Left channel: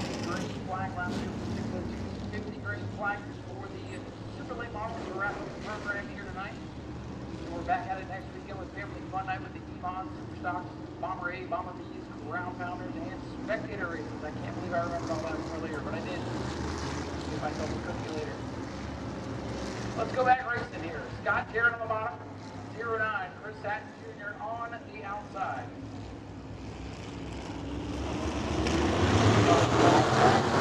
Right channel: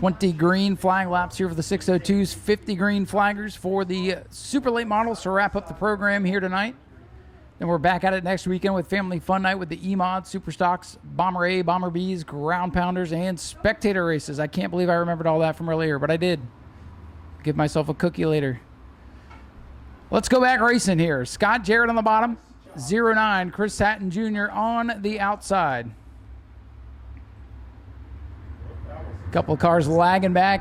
20 green flag laps here for the 602s, 50 green flaggers for the super late models to wrap up the program here tonight. And we're back at it next weekend with Family Fun Night with the E-Mod, Super Stocks, Bomber A, Bomber Bs, Ground Pounders, and Spectator Races. I can't believe I remembered all that from earlier, but I did. Give myself a cookie later. Let's go back racing here. Scott Jarrett on the bottom, 09, Chris Hatton Jr. on the outside. A couple of cars lagging back,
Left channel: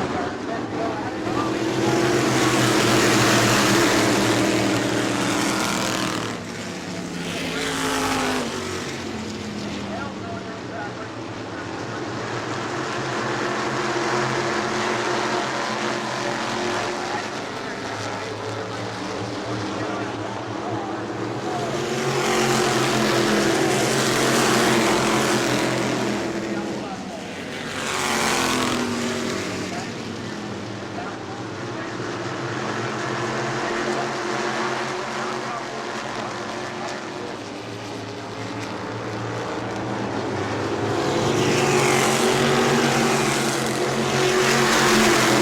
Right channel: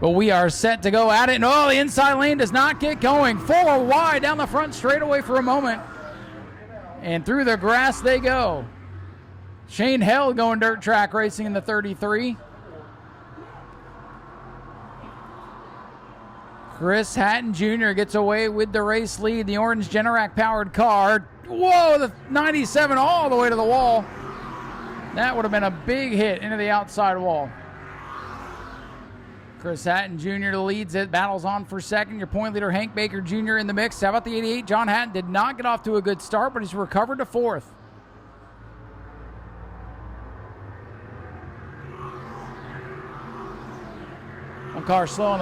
but we are set to go at it. And oh, the inside lane does not get going. Full wide down the front straightaway for a moment. And through the grass they go. Shane Hell going dirt track racing in the 33. Chris Hatton Jr. gets away with the race lead. The orange Generac powered car. Whoa, the 97 all the way to the wall. That would have been a big hit into the outside wall. Chris Hatton Jr. leads it, battles on for second. The point leader, Hank Baker Jr. in the mix. How about the 88? John Hatton did not get off to a good start, but he's recovered to fourth.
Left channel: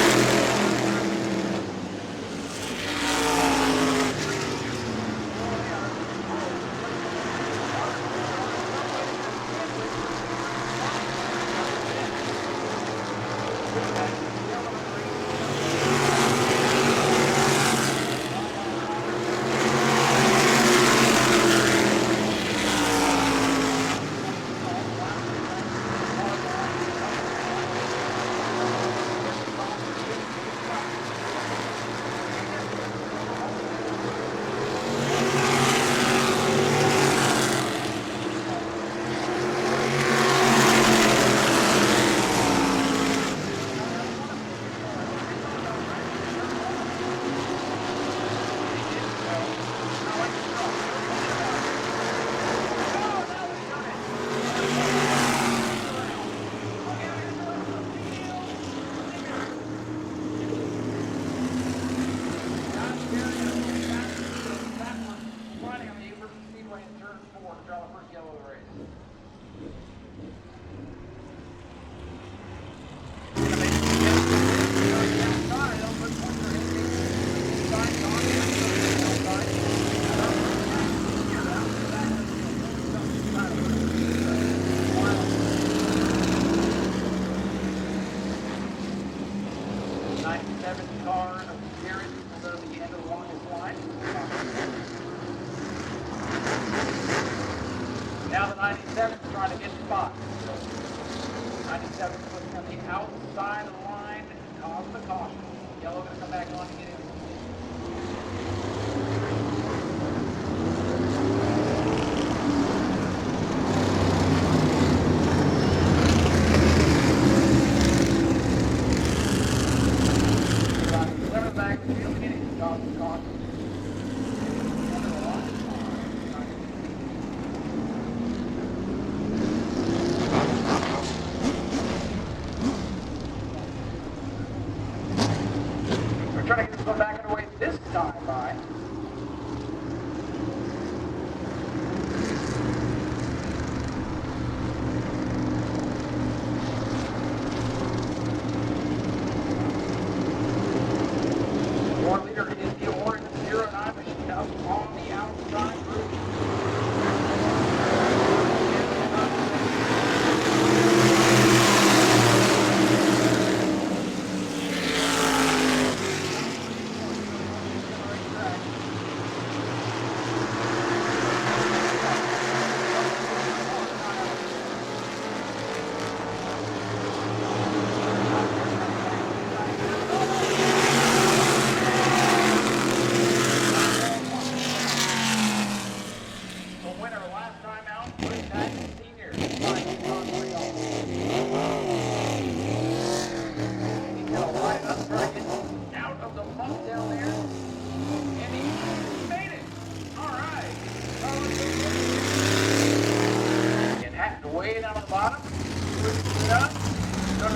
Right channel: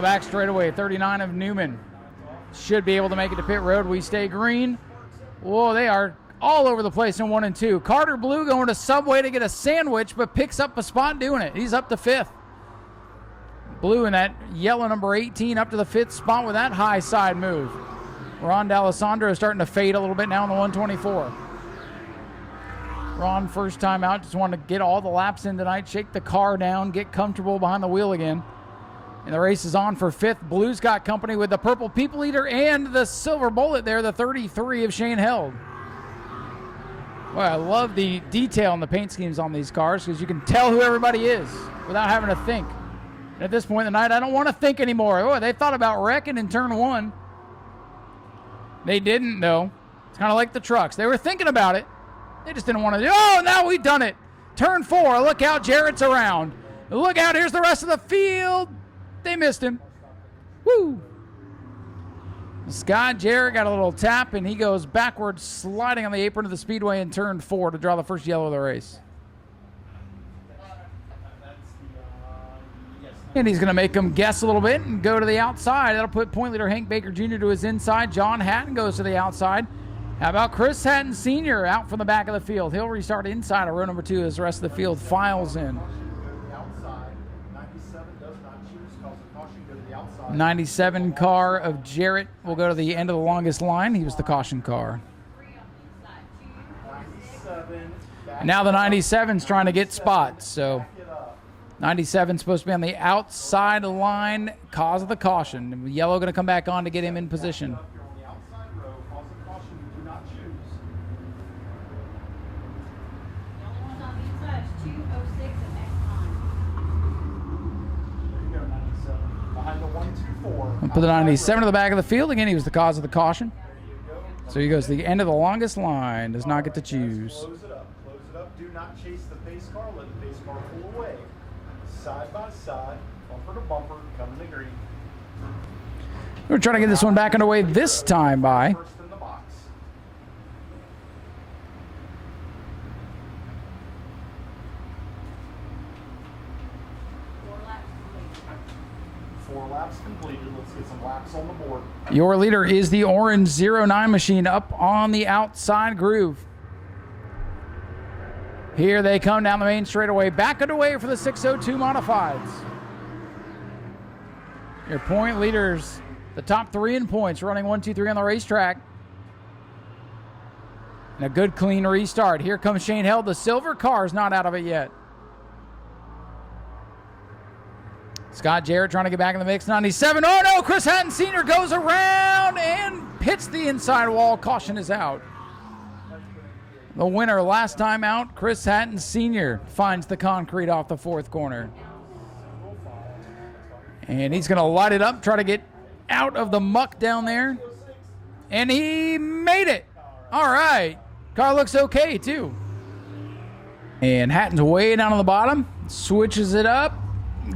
Back straightaway, 39 of Newman. Should be able to make it to pit road, but we stay green. Whoa, they are all over the place in 1 and 2. Carter Blue going to Subway to get a sandwich, but picks up the spot doing it. He's up to fifth. Blue in that yellow number 18 up to the fifth spot with that high side move. Ron D'Alessandro starting to fade a little bit now in the 124. Ron, first time out, just wanted to get all the laps in tonight, shake the car down, get comfortable behind the wheel again. And the race is on for fifth. Blue's got company with the purple People Leader and the silver bullet there, the 33 of Shane Hill. Well, I love the detail and the paint schemes on these cars because you can tell who everybody is without having to think. At this point tonight, I don't want to think anymore. Oh, they thought about wrecking in turn one. They didn't, though. Kind of like the trucks. They were thinking about it. They just didn't want to do. Oh, now we've done it. Turn four. Look out, Jarrett's around. Look out, here's the rest of the field. They missed him. Woo. Scott Jarrett got a little tap, and he goes backwards, sliding on the apron of the Speedway in turn four to draw the first yellow of the race. And he's going to make him guess a little bit and go to the outside. That'll put point leader Hank Baker Jr. to his inside. John Hatton goes to the outside. How about Chris Hatton Sr. out from the back of the field? He'll restart inside of row number 2 as the rest of the field files in. 97 car of Jarrett will go to the end of the longest line. He was the caution car. Now the 97's trying to get spots, so 97 supposed to be on the outside line, cause of the caution. And yellow going to come back on to get him in position. For the 97 to the back of the field, again, he was the cause of the caution. So he goes to the end of the longest line, does not get to choose. We're trying to get this one back underway this time by your leader is the orange 09 machine up on the outside groove. Here they come down the main straightaway, back underway for the 602 modified. The point leader, the top 3 in points, running 1, 2, 3 on the racetrack. A good clean restart. Here comes Shane Held. The silver car is not out of it yet. Scott Jarrett trying to get back in the mix. 97. Oh no! Chris Hatton Sr. goes around and hits the inside wall. Caution is out. The winner last time out, Chris Hatton Sr. finds the concrete off the 4th corner. And he's going to light it up, try to get out of the muck down there. And he made it. All right. Car looks okay, too. And Hatton's way down on the bottom. Switches it up.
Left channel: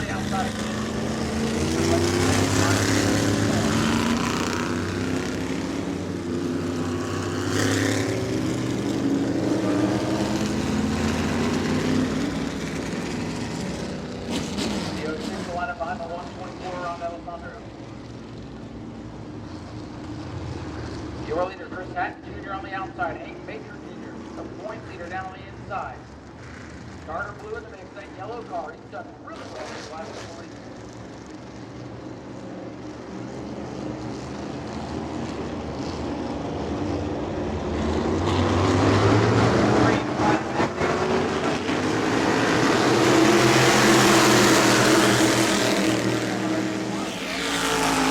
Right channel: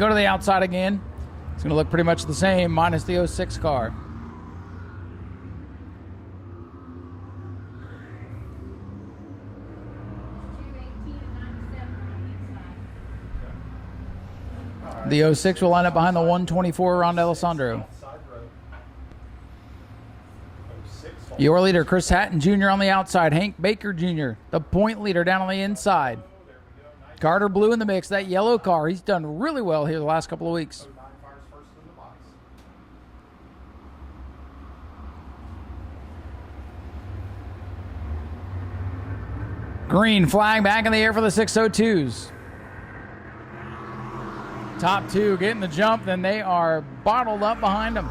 Go to the outside again. It'll look pretty much the same, minus the 06 car. The 06 will line up behind the 124 Ron D'Alessandro. Your leader, Chris Hatton Jr. on the outside. Hank Baker Jr., the point leader, down on the inside. Carter Blue in the mix. That yellow car, he's done really well here the last couple of weeks. Green flag back in the air for the 602s. Tommy Blue getting the jump, and they are bottled up behind them.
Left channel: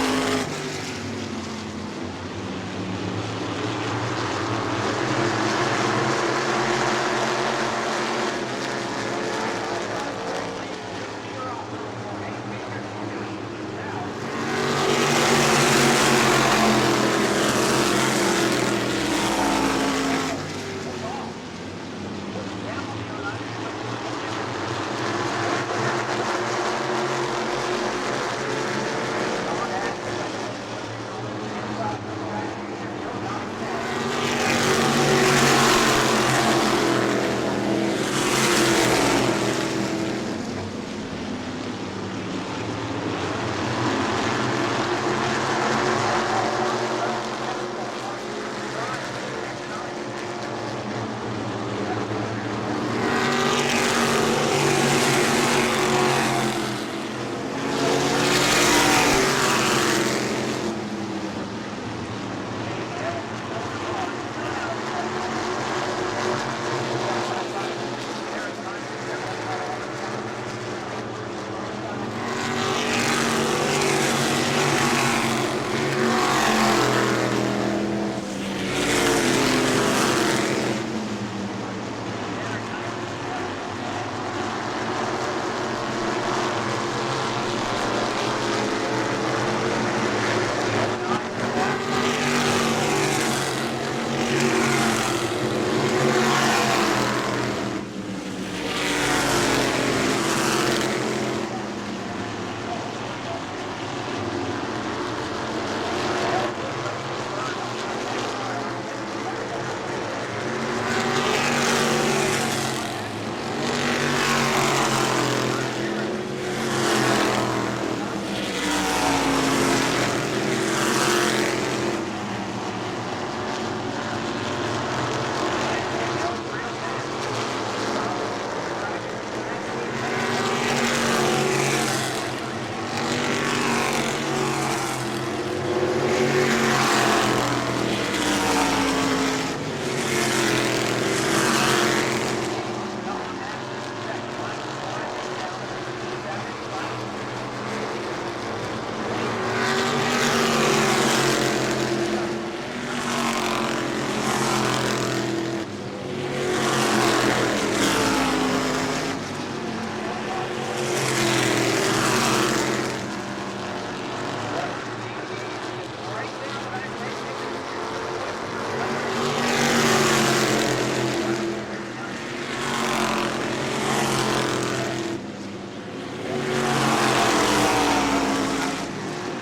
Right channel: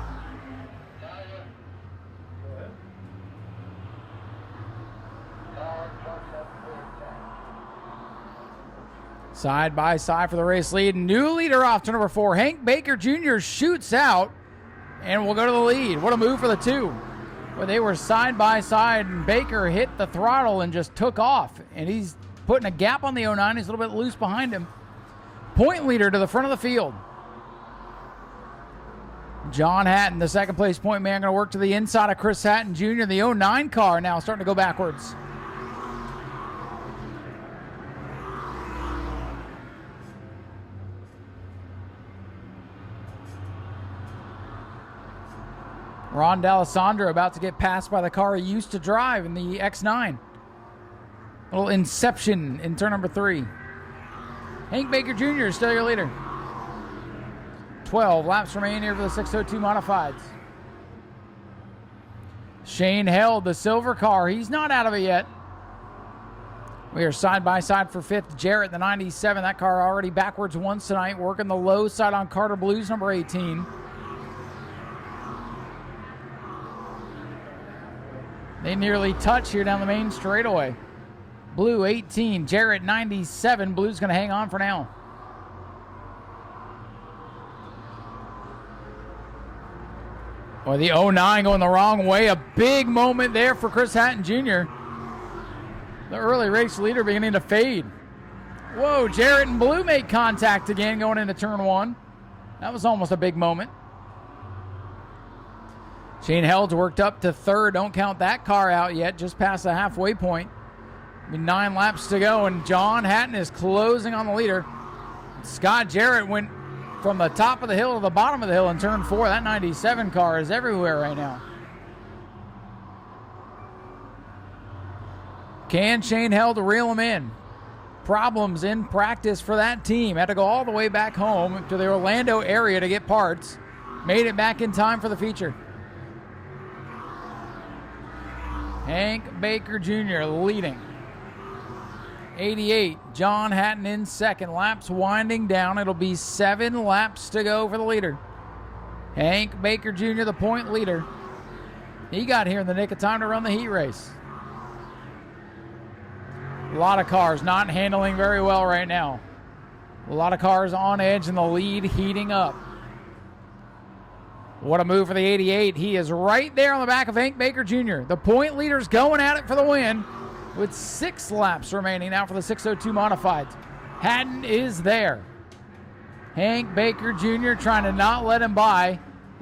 Side by side for the race lead. New leader off to number 4. Hank Baker Jr. shoots out and will go to the lead. Put a move for the 2. They were side by side, and Baker hit the throttle and just took off. And he's putting a gap on the 09. He's a little bit loose behind him. Point leader to the front of the field. John Hatton, the second place point man, going to work to the inside of Chris Hatton Jr. The 09 car now starting to go backwards. Ron D'Alessandro about to get passed by the car he used to drive in the X9. A little inception in turn number 3. Hank Baker Jr. is still your leader. 12 laps remaining on the 613 modified. Shane held the silver car. He's not out of it yet. We are side by side for 5th. Jarrett, the 97. That car already backwards once tonight. Working the low side on Carter Blues, number 18. Touch it down the main straightaway. Blue 18, Jarrett 97. Blue's going to hang on for now. And the 09 going the wrong way. A big moment there for Chris Hatton Jr. Really race leader beginning to fade. Whoa, Jarrett and Blue made contact again going into turn 1. That was almost a big moment. Kane Held's worked up to 3rd. Don't count that car out yet. Just past the halfway point. 9 laps to go, and John Hatton is closing on the leader. Scott Jarrett went from the top of the hill to the bottom of the hill in turn 4. That 97 car is everywhere right now. Can Shane Held reel him in? Problems in practice for that team. Had to go all the way back home to the Orlando area to get parts. Made it back in time for the feature. Hank Baker Jr. leading. 88, John Hatton in 2nd. Laps winding down. It'll be 7 laps to go for the leader. Hank Baker Jr. the point leader. He got here in the nick of time to run the heat race. A lot of cars not handling very well right now. A lot of cars on edge and the lead is moving up. What a move for the 88. He is right there on the back of Hank Baker Jr. The point leader's going at it for the win. With 6 laps remaining now for the 613 modified. Hatton is there. Hank Baker Jr. trying to not let him by.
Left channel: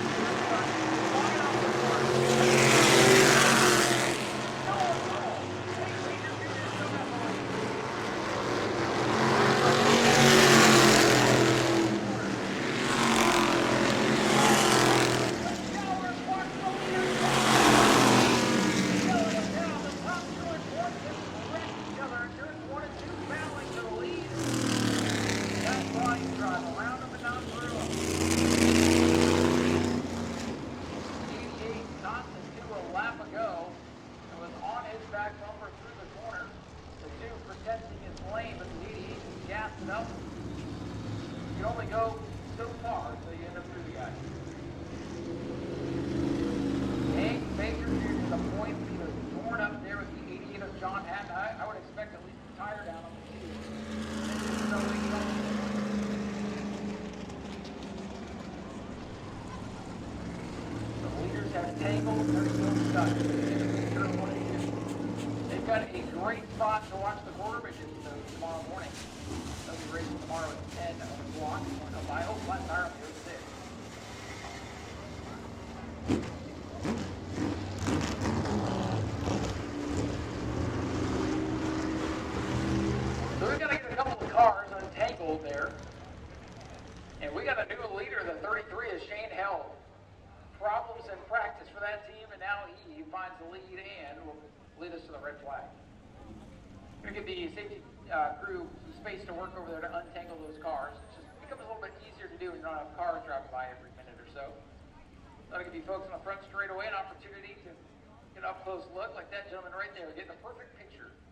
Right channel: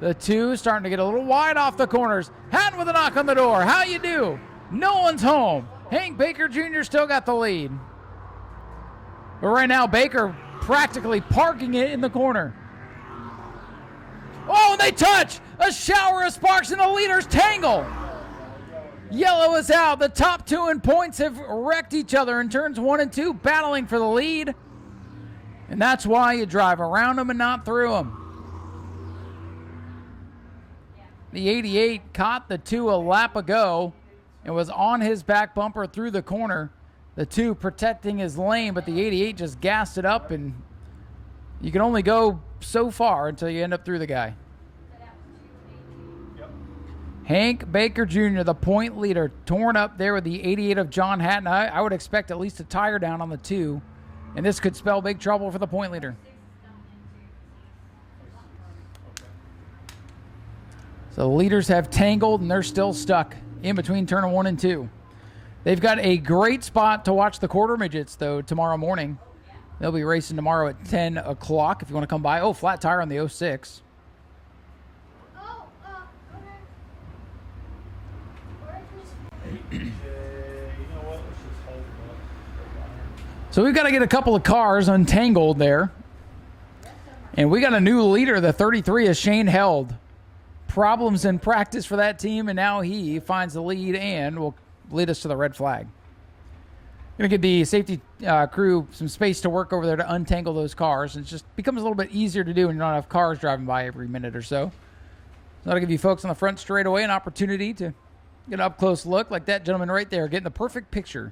The 2 starting to get a little wide off the corners. Hatton with a knock on the door. How you do? No one's home. Hank Baker Jr. still got the lead. But right now, Baker practically parking it in the corner. Oh, they touch! A shower of sparks and the leaders tangle. Yellow is out. The top 2 in points have wrecked each other in turns 1 and 2, battling for the lead. And that's why you drive around them and not through them. The 88 caught the 2 a lap ago and was on his back bumper through the corner. The 2 protecting his lane, but the 88 just gassed it up, and you can only go so far until you end up through the guy. Hank Baker Jr., the point leader, torn up there with the 88 of John Hatton. I would expect at least a tire down on the 2, and this could spell big trouble for the point leader. The leaders have tangled, and they're still stuck in between turn 1 and 2. They've got a great spot to watch the quarter midgets, though, tomorrow morning. They'll be racing tomorrow at 10 o'clock if you want to come by. Oh, flat tire on the 06. So we've got to get a couple of cars untangled there. And we got a new leader. The 33 is Shane Held. Problems in practice for that team, and now he finds the lead and will lead us to the red flag. Going to give the safety crew some space to work over there to untangle those cars. It just becomes a little bit easier to do when you don't have cars driving by every minute or so. That'll give you folks on the front straightaway an opportunity to get an up-close look like that gentleman right there, getting the perfect picture.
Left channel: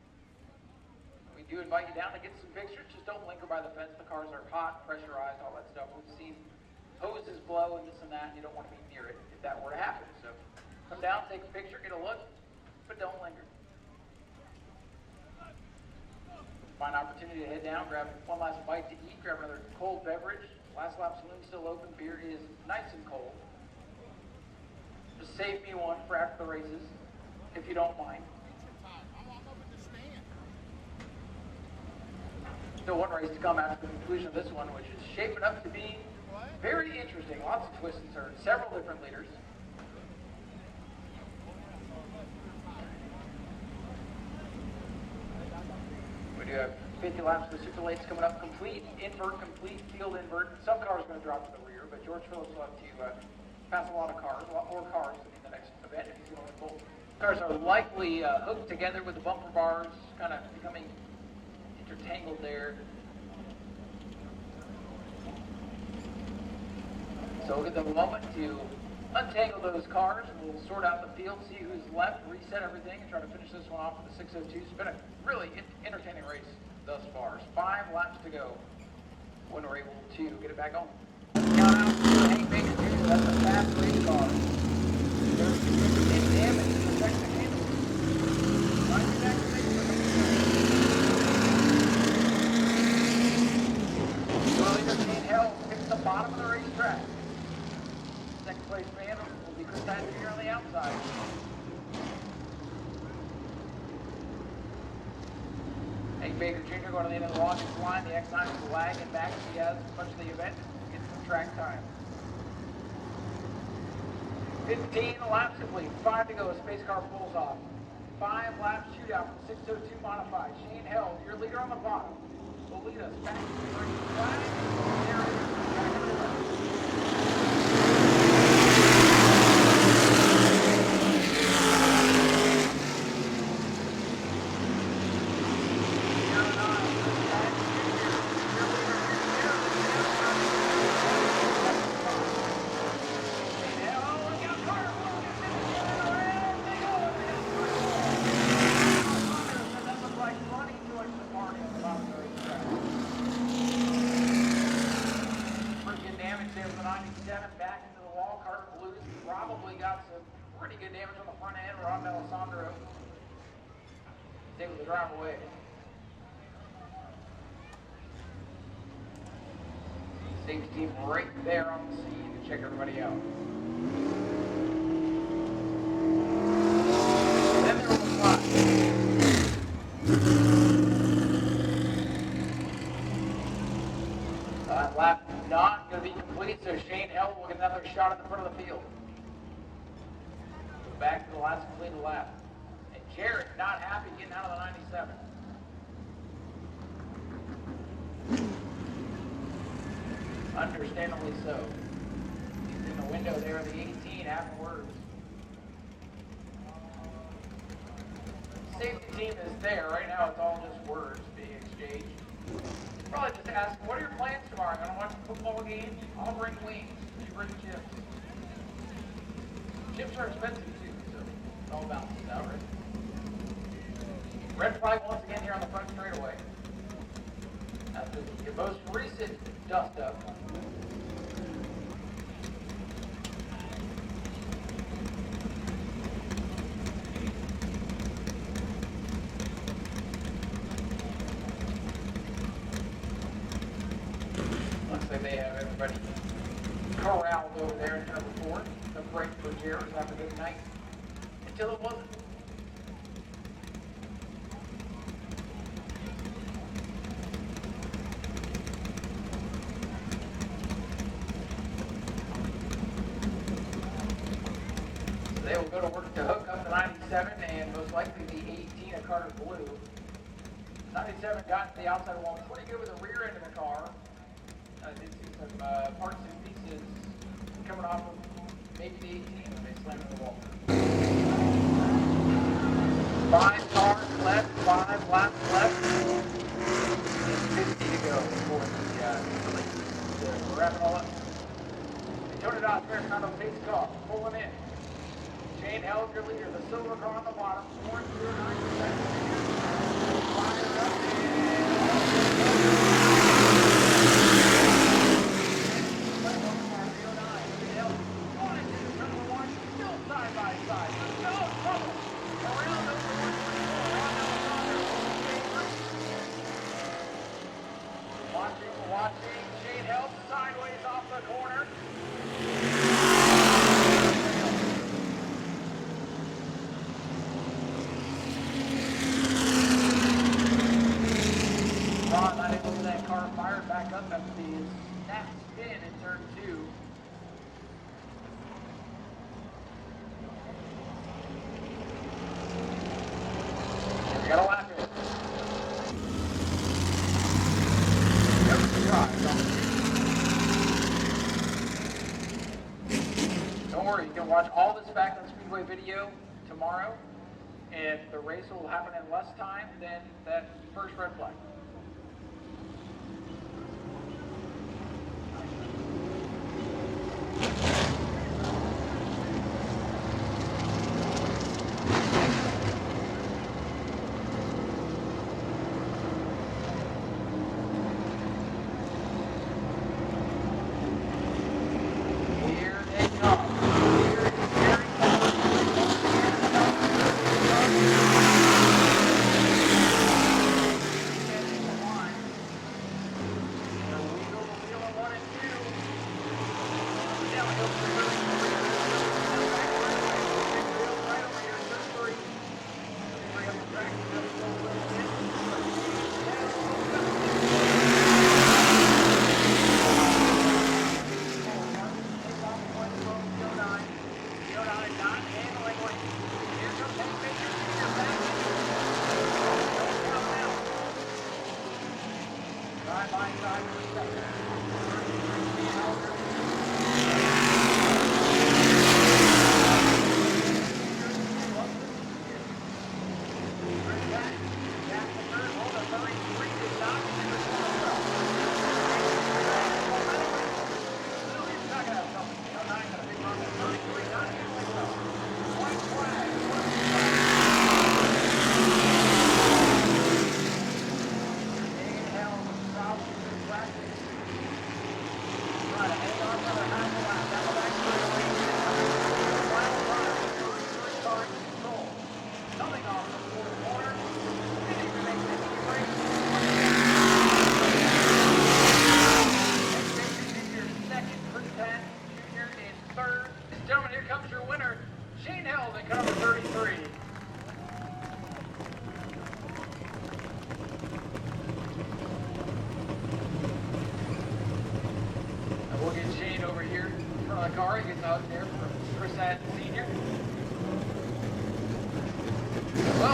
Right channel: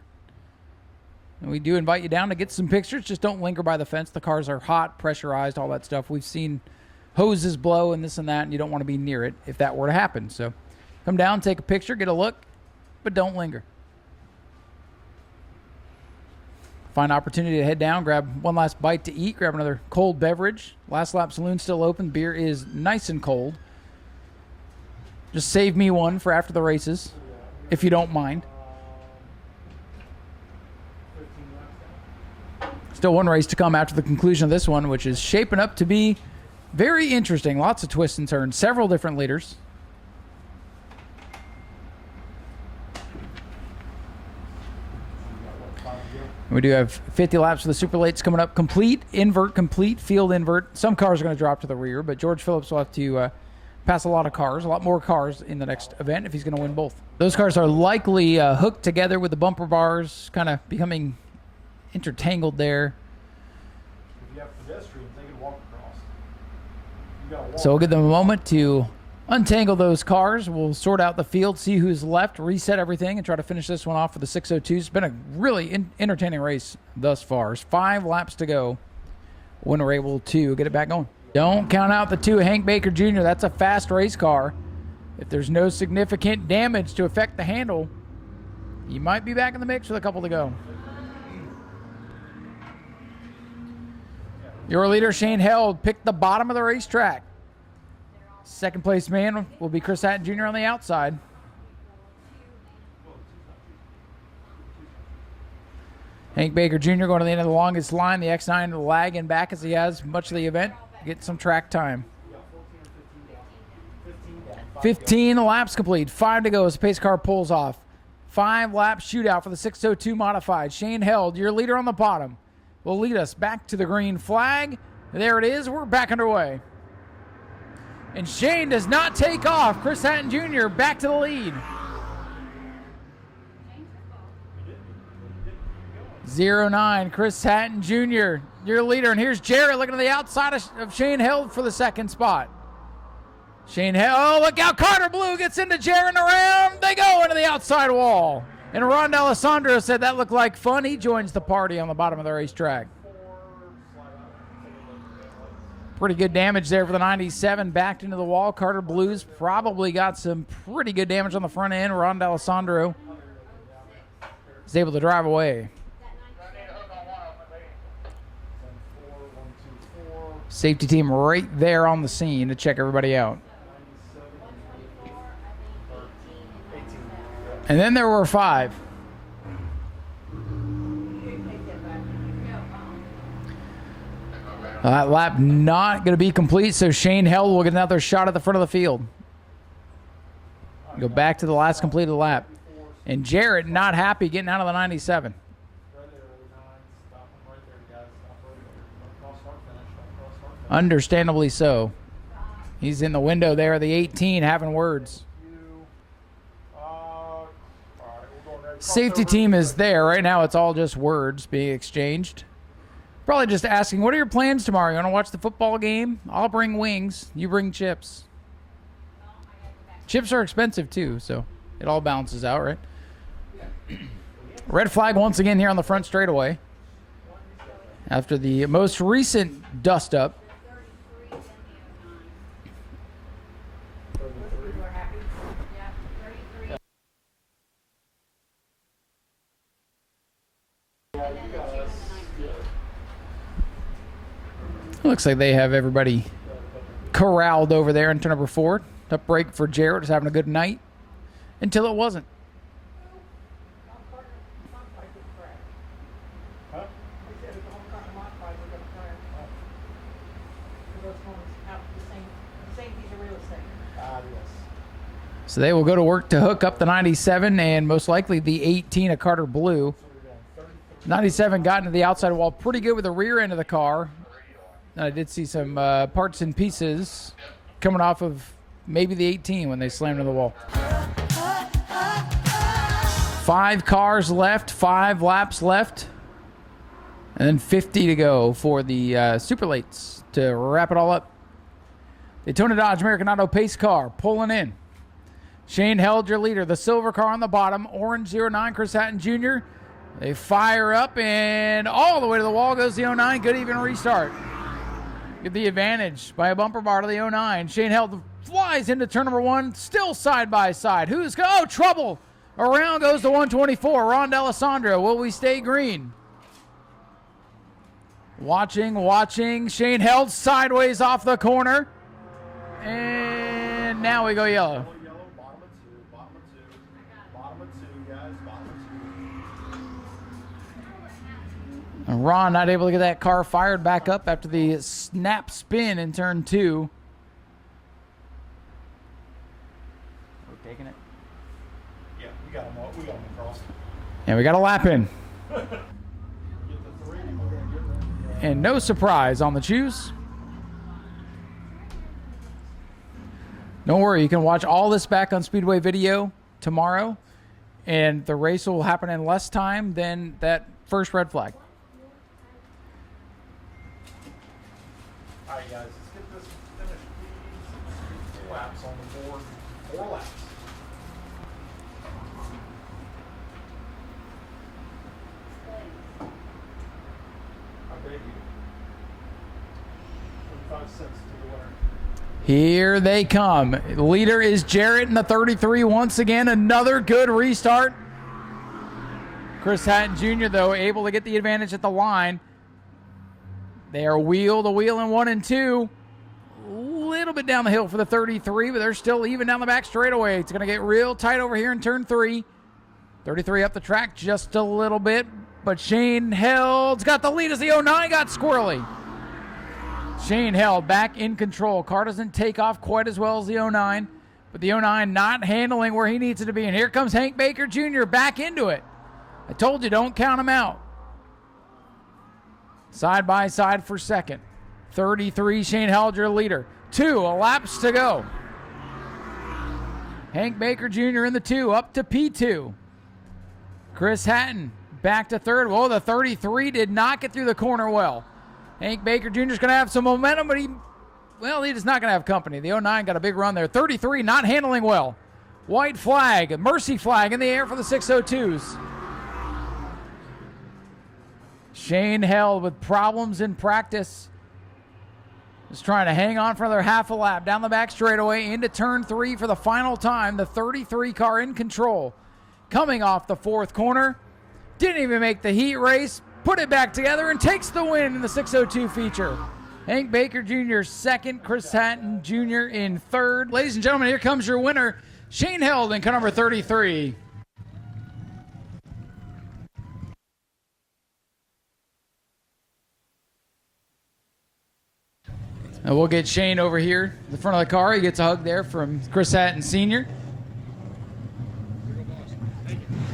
And we do invite you down to get some pictures. Just don't linger by the fence. The cars are hot, pressurized, all that stuff. We've seen hoses blow and this and that, and you don't want to be near it if that were to happen. So come down, take a picture, get a look, but don't linger. Find an opportunity to head down, grab one last bite to eat, grab another cold beverage. Last lap saloon still open. Beer is nice and cold. Just save me one for after the races, if you don't mind. Still one race to come after the conclusion of this one, which is shaping up to be very interesting. Lots of twists and turns, several different leaders. We do have 50 laps for the super lates coming up. Complete, invert, complete, field invert. Some cars are going to drop to the rear, but George Phillips will have to pass a lot of cars, a lot more cars in the next event if he's going to win both. Those cars are likely hooked together with the bumper bars, kind of becoming intertangled there. So we'll give them a moment to untangle those cars. We'll sort out the field, see who's left, reset everything, and try to finish this one off with the 602. It's been a really entertaining race thus far. There's 5 laps to go when we're able to get it back going. Don't count out the 2 Hank Baker Jr. That's a fast race car. If there's no significant damage to affect the handle, he might be back in the mix with a couple to go. Your leader, Shane Held, picked the bottom of the racetrack. Second place man will be Chris Hatton Jr. on the outside. Hank Baker Jr. going to the end of the longest line. The X9 lagging back as he has much of the event. Get some track time. 15 laps complete. 5 to go as the pace car pulls off. 5 lap shootout for the 602 modified. Shane Held, your leader on the bottom, will lead us back to the green flag. There it is. We're back underway. Shane does not take off. Chris Hatton Jr. back to the lead. 09, Chris Hatton Jr., your leader. And here's Jarrett looking at the outside of Shane Held for the second spot. Shane Held, oh, look out, Carter Blue gets into Jarrett around. They go into the outside wall. And Ron D'Alessandro said that looked like fun. He joins the party on the bottom of the racetrack. Pretty good damage there for the 97, backed into the wall. Carter Blues probably got some pretty good damage on the front end. Ron D'Alessandro is able to drive away. Safety team right there on the scene to check everybody out. And then there were 5. That lap not going to be complete, so Shane Held will get another shot at the front of the field. Go back to the last completed lap. And Jarrett not happy getting out of the 97. Understandably so. He's in the window there, the 18, having words. Safety team is there. Right now it's all just words being exchanged. Probably just asking, what are your plans tomorrow? You want to watch the football game? I'll bring wings. You bring chips. Chips are expensive too, so it all balances out, right? Red flag once again here on the front straightaway. After the most recent dust up. Looks like they have everybody corralled over there in turn number 4. Tough break for Jarrett, was having a good night until it wasn't. So they will go to work to hook up the 97 and most likely the 18 of Carter Blue. 97 got into the outside wall pretty good with the rear end of the car. I did see some parts and pieces coming off of maybe the 18 when they slammed into the wall. 5 cars left, 5 laps left, and then 50 to go for the super lates to wrap it all up. Daytona Dodge American Auto pace car pulling in. Shane Held, your leader. The silver car on the bottom. Orange 09, Chris Hatton Jr. They fire up and all the way to the wall goes the 09. Good restart. Get the advantage by a bumper bar to the 09. Shane Held flies into turn number 1, still side by side. Who's going? Oh, trouble! Around goes the 124. Ron D'Alessandro. Will we stay green? Watching. Shane Held sideways off the corner. And now we go yellow. Ron not able to get that car fired back up after the snap spin in turn 2. And we got a lap in. And no surprise on the choose. Don't worry, you can watch all this back on Speedway Video tomorrow, and the race will happen in less time than that first red flag. Here they come. Leader is Jarrett in the 33 once again. Another good restart. Chris Hatton Jr. though able to get the advantage at the line. They are wheel to wheel in 1 and 2. A little bit down the hill for the 33, but they're still even down the back straightaway. It's going to get real tight over here in turn 3. 33 up the track just a little bit, but Shane Held's got the lead as the 09 got swirling. Shane Held back in control. Car doesn't take off quite as well as the 09. The 09 not handling where he needs it to be. And here comes Hank Baker Jr. back into it. Told you, don't count him out. Side by side for second. 33, Shane Held, your leader. 2 laps to go. Hank Baker Jr. in the 2, up to P2. Chris Hatton back to third. Whoa, the 33 did not get through the corner well. Hank Baker Jr. is going to have some momentum, but he's not going to have company. The 09 got a big run there. 33 not handling well. White flag, mercy flag in the air for the 602. Shane Held with problems in practice. He's trying to hang on for another half a lap. Down the back straightaway into turn 3 for the final time. The 33 car in control. Coming off the 4th corner. Didn't even make the heat race. Put it back together and takes the win in the 602 feature. Hank Baker Jr. second, Chris Hatton Jr. in third. Ladies and gentlemen, here comes your winner, Shane Held in car number 33. And we'll get Shane over here in front of the car. He gets a hug there from Chris Hatton Sr.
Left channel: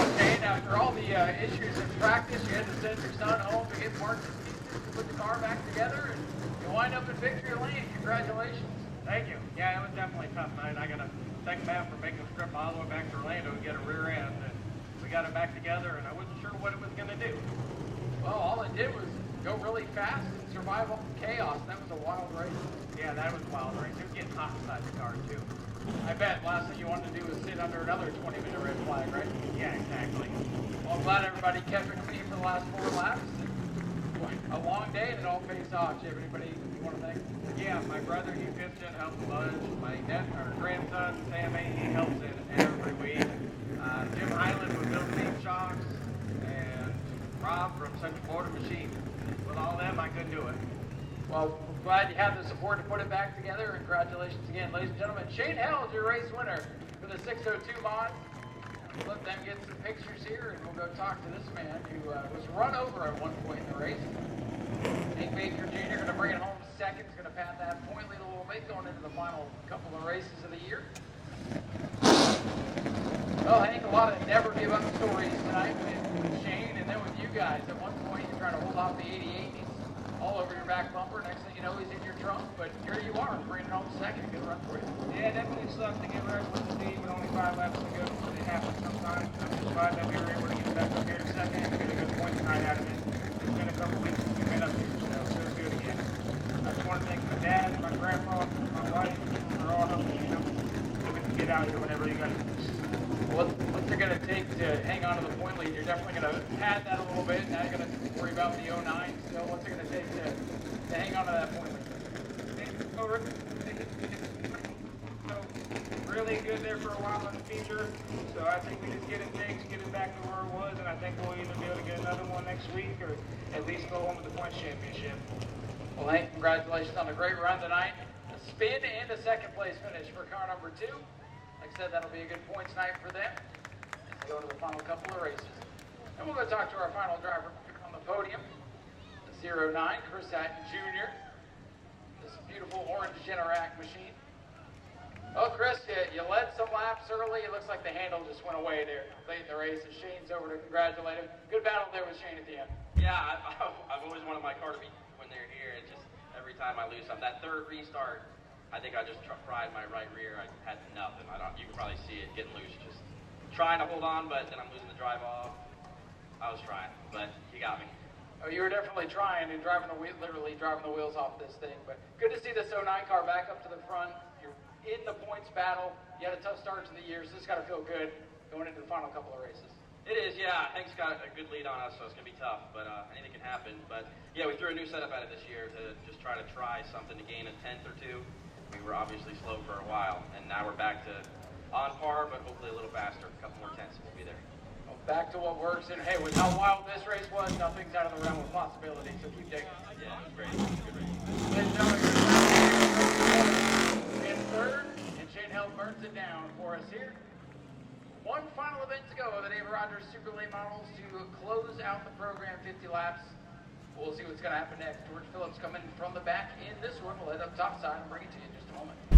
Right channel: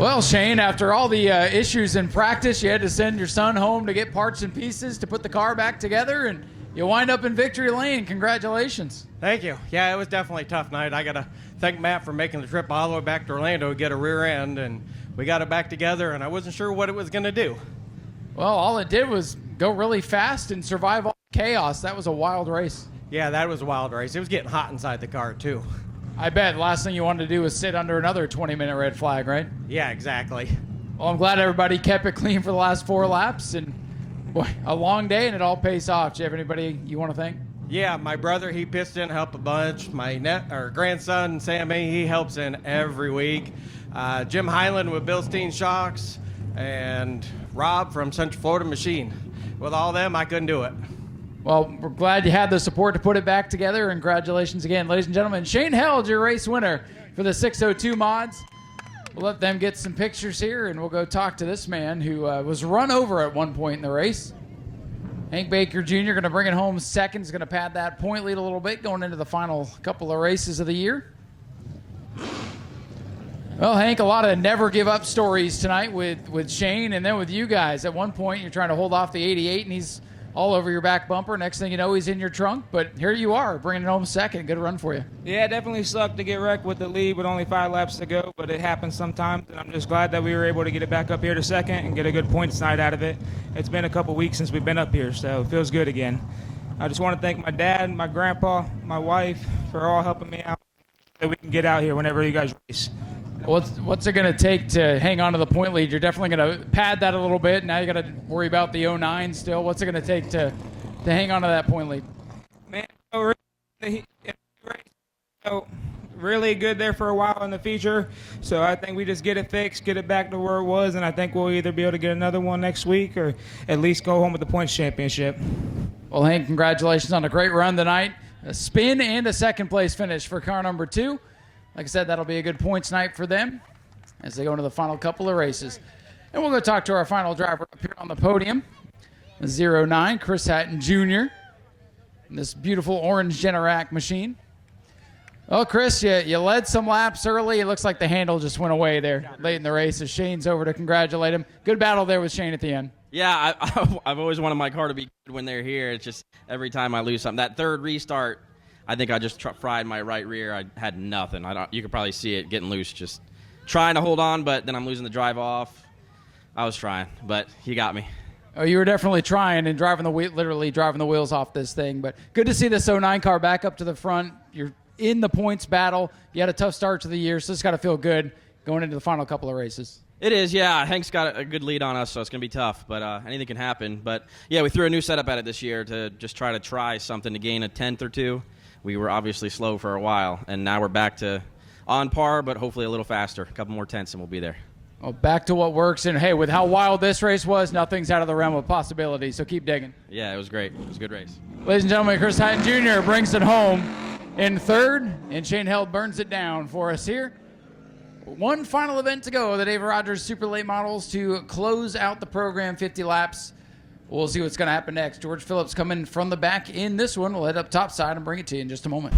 Well, Shane, after all the issues in practice, you had to send your son home to get parts and pieces to put the car back together, and you wind up in victory lane. Congratulations. Thank you. Yeah, it was definitely a tough night. I got to thank Matt for making the trip all the way back to Orlando to get a rear end, and we got it back together, and I wasn't sure what it was going to do. Well, all it did was go really fast and survive all chaos. That was a wild race. Yeah, that was a wild race. It was getting hot inside the car, too. I bet last thing you wanted to do was sit under another 20-minute red flag, right? Yeah, exactly. Well, I'm glad everybody kept it clean for the last 4 laps, and boy, a long day, and it all pays off. Do you have anybody you want to thank? Yeah, my brother, he pitched in, helped a bunch. My grandson, Sammy, he helps in every week. Jim Highland with Bilstein Shocks, and Rob from Central Florida Machine. With all them, I couldn't do it. Well, we're glad you had the support to put it back together, and congratulations again. Ladies and gentlemen, Shane Held, your race winner for the 602 mods. We'll let them get some pictures here, and we'll go talk to this man who was run over at one point in the race. Hank Baker Jr. going to bring it home second. Is going to pad that point lead a little bit going into the final couple of races of the year. Well, Hank, a lot of never give up stories tonight with Shane and then with you guys. At one point, you're trying to hold off the 88, and he's all over your back bumper. Next thing you know, he's in your trunk, but here you are, bringing it home second. Good run for you. Yeah, it definitely sucked to get wrecked with the lead with only 5 laps to go, but it happens sometimes. I'm just glad that we were able to get it back up here to second and get a good points night out of it. It's been a couple weeks since we've been up here, so it feels good again. I just want to thank my dad, my grandpa, my wife for all helping me out, that we can get out here whenever you guys race. What's it going to take to hang on to the point lead? You're definitely going to pad that a little bit. Now you got to worry about the 09 still. What's it going to take to hang on to that point lead? Really good there for a while in the feature, so I think we just get it fixed, get it back to where it was, and I think we'll either be able to get another one next week or at least go home with the points championship. Well, Hank, congratulations on a great run tonight. A spin and a second place finish for car number 2. Like I said, that'll be a good points night for them as they go into the final couple of races. And we'll go talk to our final driver up here on the podium, 09, Chris Hatton Jr. in this beautiful orange Generac machine. Well, Chris, you led some laps early. It looks like the handle just went away there late in the race as Shane's over to congratulate him. Good battle there with Shane at the end. Yeah, I've always wanted my car to be good when they're here. It's just every time I lose something. That third restart, I think I just fried my right rear. I had nothing. You could probably see it getting loose, just trying to hold on, but then I'm losing the drive off. I was trying, but he got me. Oh, you were definitely trying and literally driving the wheels off this thing. But good to see this 09 car back up to the front. You're in the points battle. You had a tough start to the year, so it's got to feel good going into the final couple of races. It is, yeah. Hank's got a good lead on us, so it's going to be tough, but anything can happen. But, yeah, we threw a new setup at it this year to just try something to gain a tenth or two. We were obviously slow for a while, and now we're back to on par, but hopefully a little faster. A couple more tenths and we'll be there. Well, back to what works, and hey, with how wild this race was, nothing's out of the realm of possibility, so keep digging. Yeah, it was great. It was a good race. Ladies and gentlemen, Chris Hatton Jr. brings it home in third, and Shane Held burns it down for us here. One final event to go, the Dave Rogers Super Late Models to close out the program, 50 laps. We'll see what's going to happen next. George Phillips coming from the back in this one. We'll head up topside and bring it to you in just a moment.